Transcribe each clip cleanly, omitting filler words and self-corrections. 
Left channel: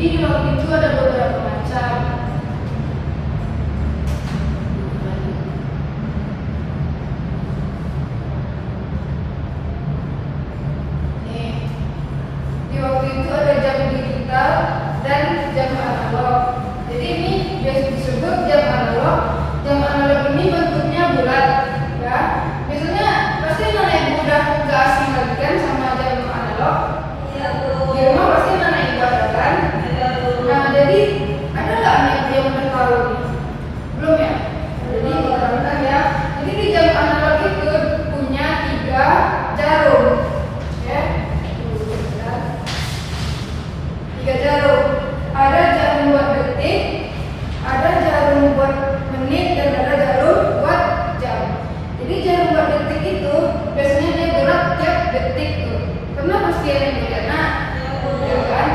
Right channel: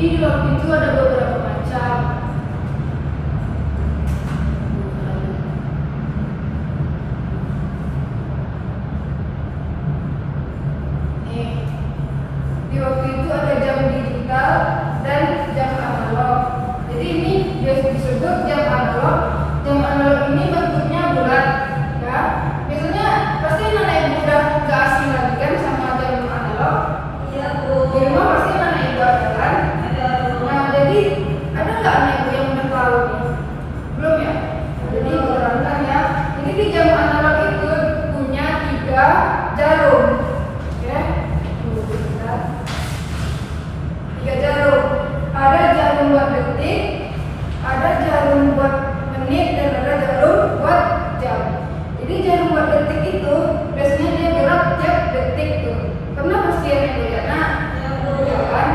Jadi di waktu itu ada beberapa macam. Nih, di waktu itu ada jam digital dan jam analog. Jadi ini biasa disebut jam analog. Jam analog ini bentuknya bulat, ya. Biasanya pasti mana ibu udah gak asing lagi kan sama jam analog. Iya tuh. Di rumah pasti mana ibu ada kan? Nah, jadi ada nggak anak ibu yang udah tahu nih? Belum ya? Jadi ibu terangkan ya. Jadi di jam analog itu punya 3 jarum, ya. 3 jarum. Ada jarum buat detik, ada jarum buat menit, dan ada jarum buat jam. Jadi jarum buat detik itu biasanya dia gerak tiap detik tuh. Pernah pasti yang ibu lihat? Ya kan?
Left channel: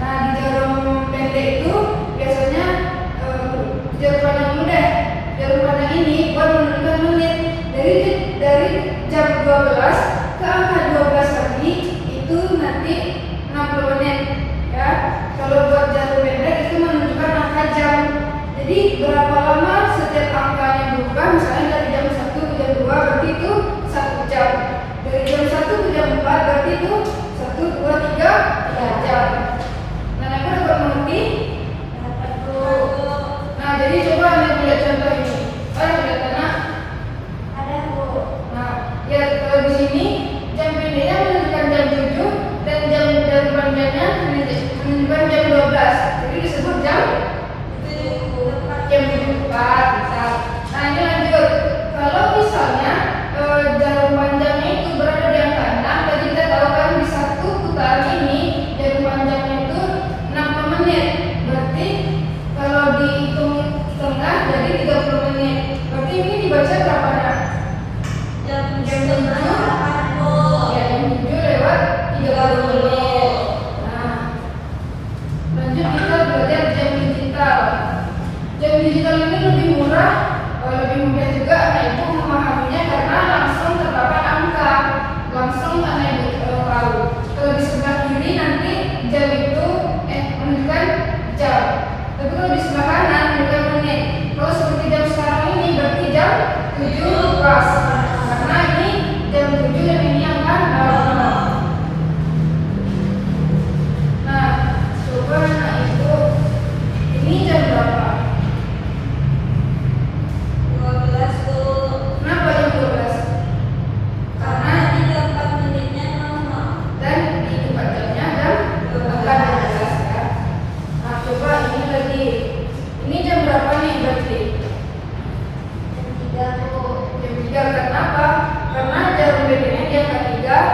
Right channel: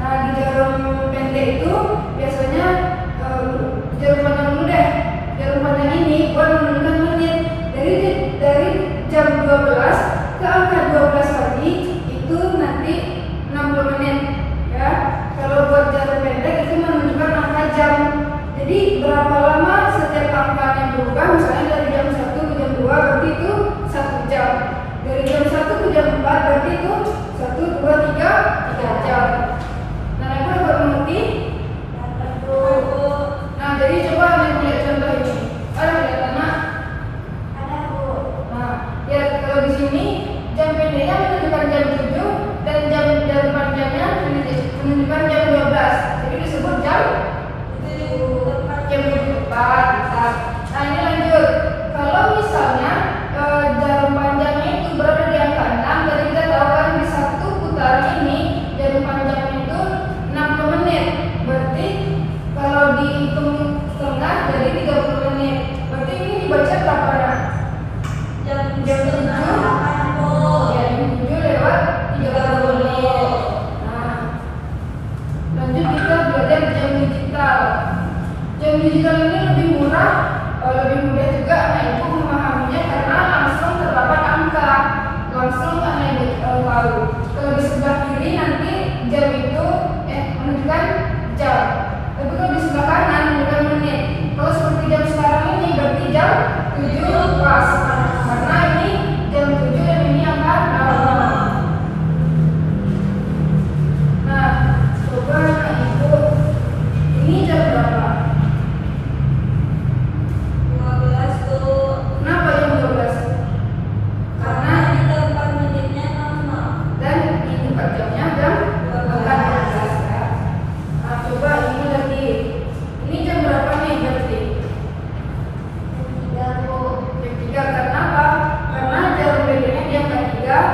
Nah, di jarum pendek itu biasanya jarum panjang dulu deh. Jarum panjang ini buat menentukan menit. Dari jam 12 ke angka 12 lagi itu nanti 60 menit, ya. Kalau buat jarum pendek itu menunjukkan angka jam. Jadi berapa lama setiap angkanya berubah, misalnya dari jam 1 ke jam 2 berarti itu 1 jam. Dari jam 1 ke jam 4 berarti itu 1, 2, 3 jam. Nah, dapat buat mengerti? Nah, jadi coba anda lihat contoh ini. Ada lihat anak? Ada tuh. Nah, ya kalau di sini jam pendeknya menunjukkan jam 7 dan jam panjangnya menunjukkan jam 12. Jadi disebut jam 7:04. Nah, ini lanjut. Kalau misalnya jarum panjangnya itu berada di angka 6, jadi kita tahu kan di satu putaran ini jarum panjangnya itu 60 menit. Berarti kalau dihitung tengah jadi 30 menit. Berarti ini dibaca berapa nak? Jam 7. Ya, jam 7 lewat 30 menit. Nah, lanjut kita belajar jam digital. Jam digital ini lebih murah, lebih mudah juga anak ibu memahaminya karena langsung terdapat angka, langsung anak ibu tahu. Kalau di sebelah kiri nanti jam itu menunjukkan jam, tapi kalau di sebelah kanan menunjukkan menit. Kalau seperti jam sekarang ini berarti jam 7 pas, karena ini jam 7 dan ini angka 6. Nah, coba anak ibu, ini jam berapa? 12 tuh. Kenapa jam 12? Karena ini jam 4 menitnya lama. Dan di 4 jamnya jam angka 12 ya. Nah, coba ini lagi. Ini jam berapa nih berarti? Jam 3 tuh. Jam 3. Kenapa? Karena jarum bedanya di angka 3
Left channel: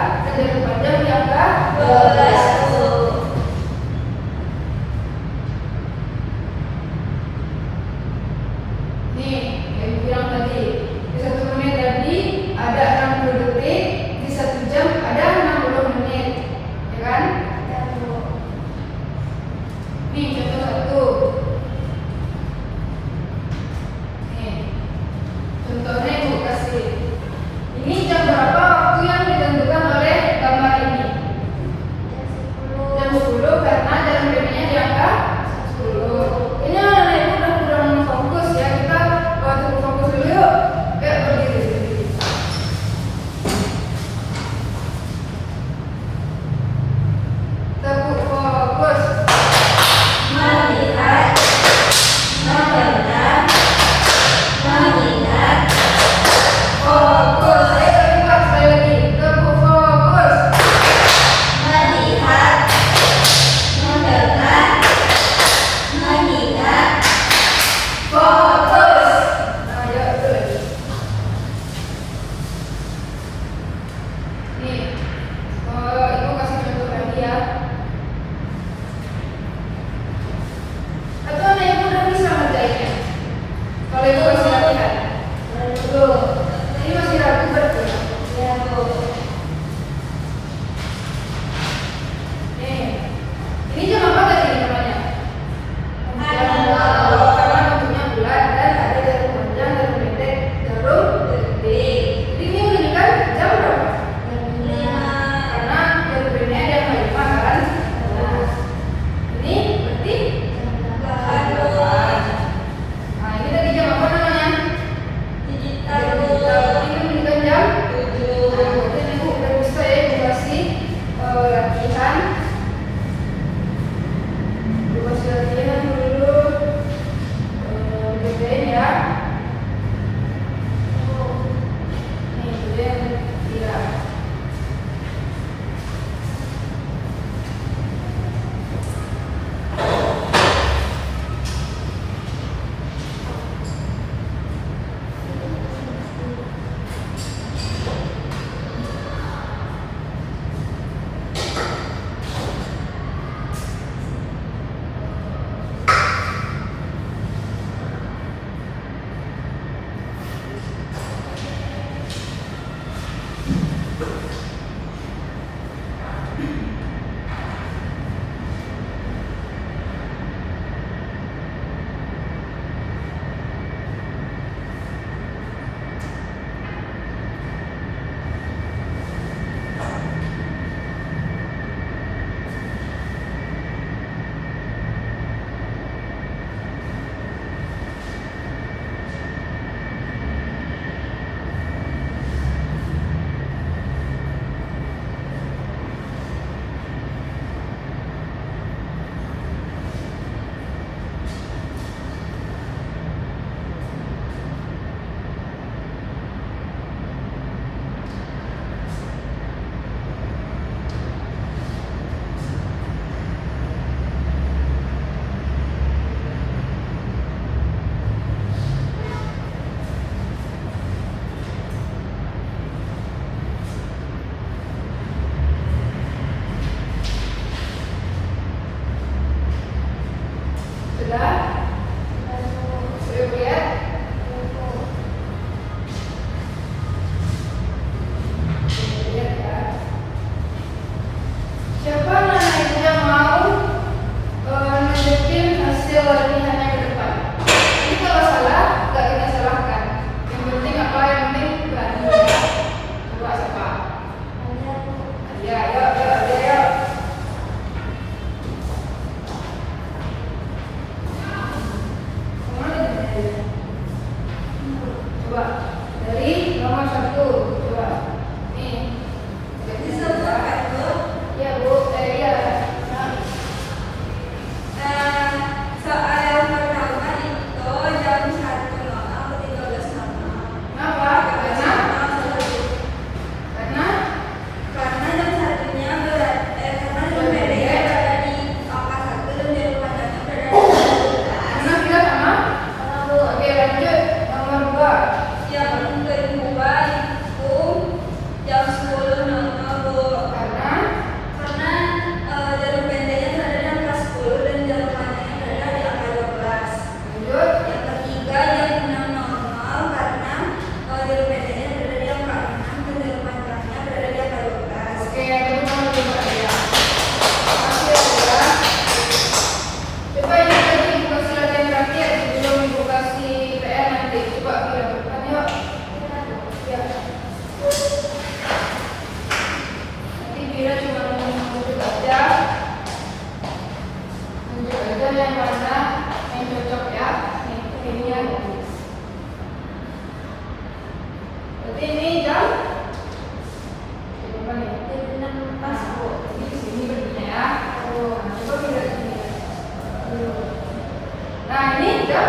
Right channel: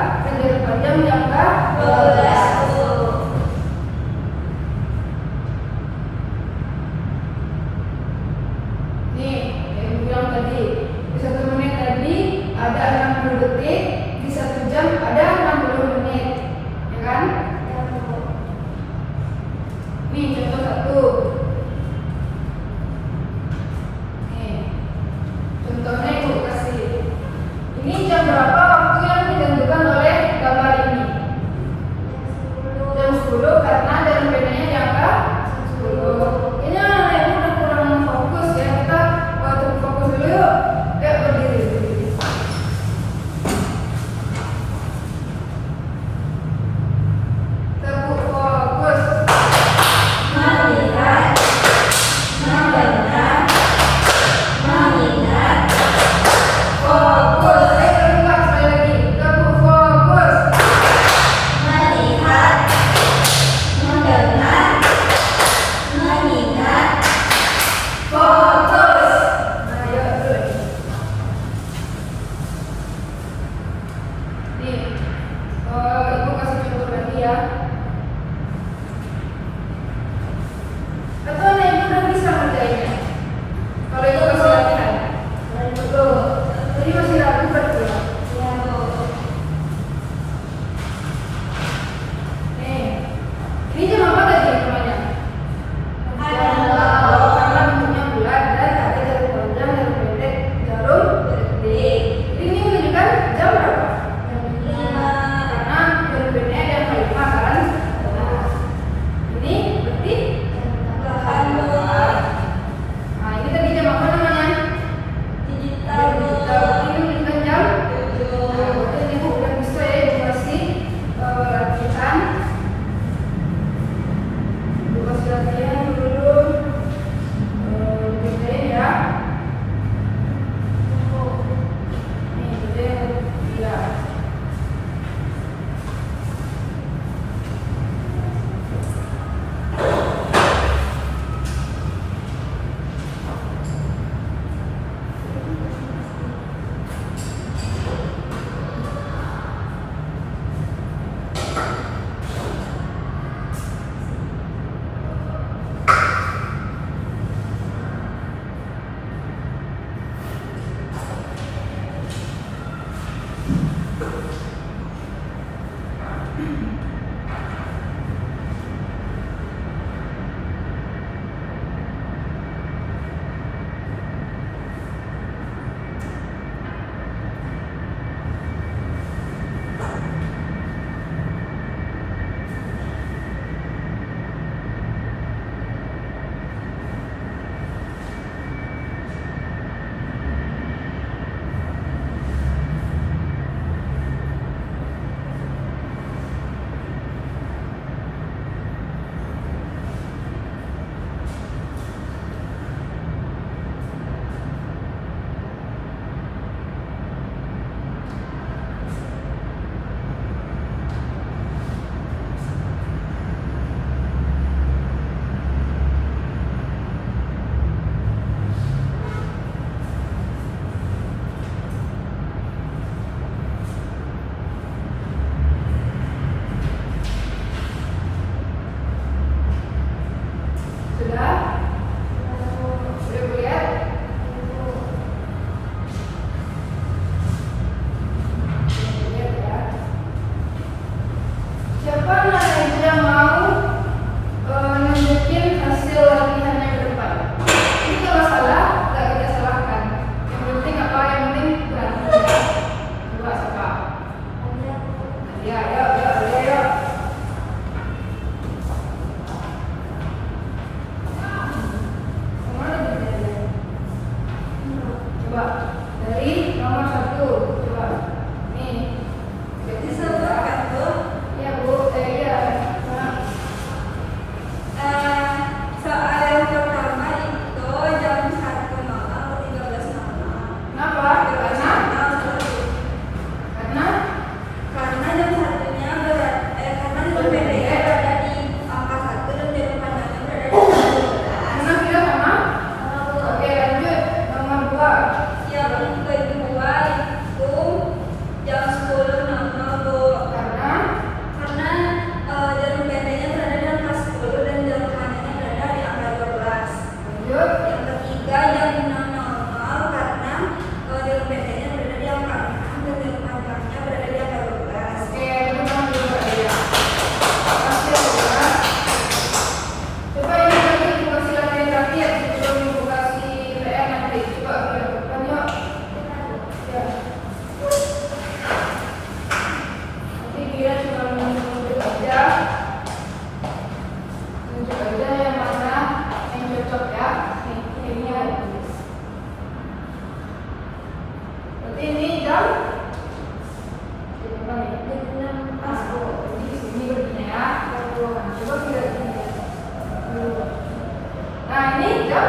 jam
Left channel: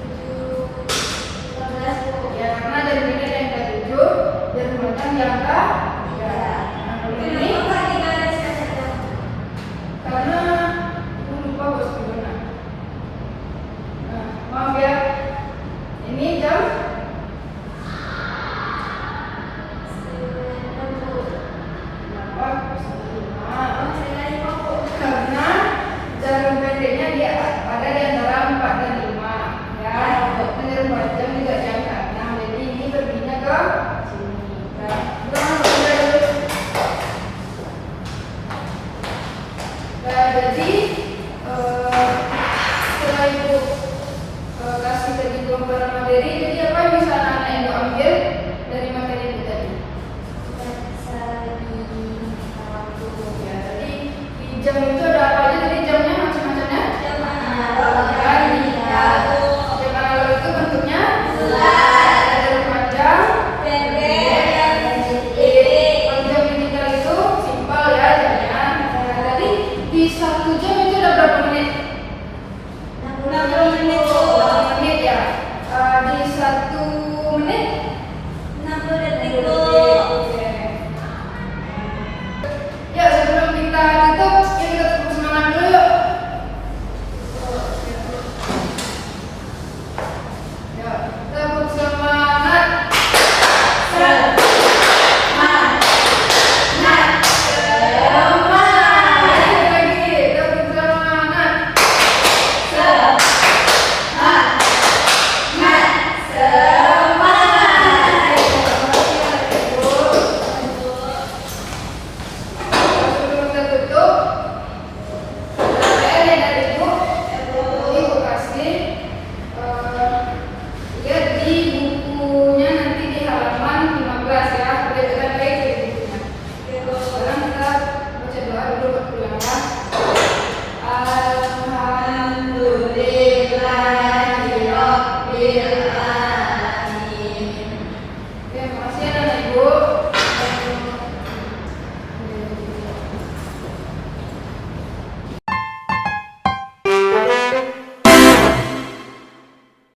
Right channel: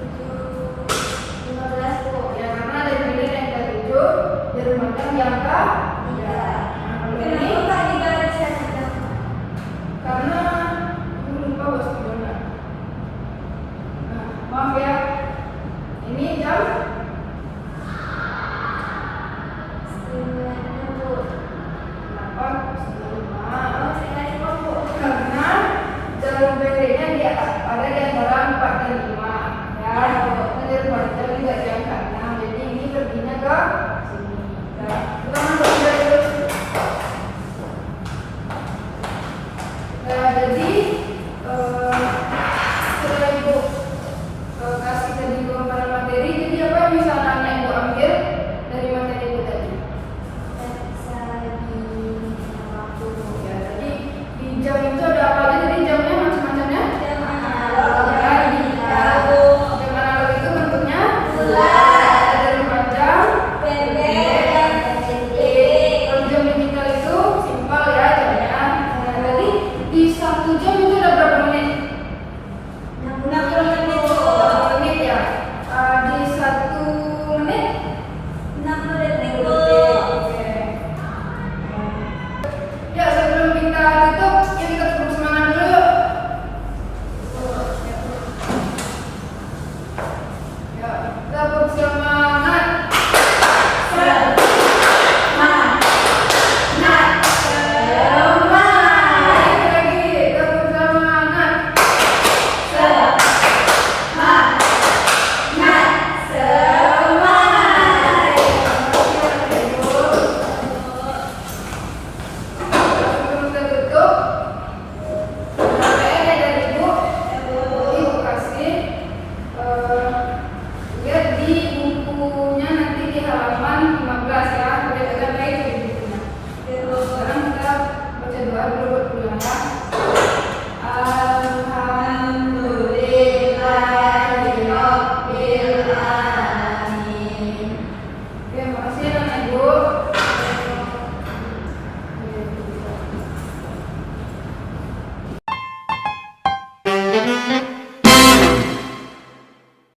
7.15 Bu. ya, karena jarum pendek yang ke-7, jarum panjang yang ke-3. Nah, kalau ini Kenapa Kak tidak ada satu jam? karena aku lupa bos gimana. Nah, maaf ya. Ini jam 9 Bu. kenapa? 9.05. Oh, saya nggak lupa Bu. Karena jarum pendeknya dia pada di antara 4 dan 5 ya. Untuk jarum panjang juga jam ke 6. Jadi ini perginya ke sini. Nah, kita masuk dulu. Nah, jadi setelah ibu kasih tadi gambaran materi, jadi apa yang bisa anak-anak ibu ambil?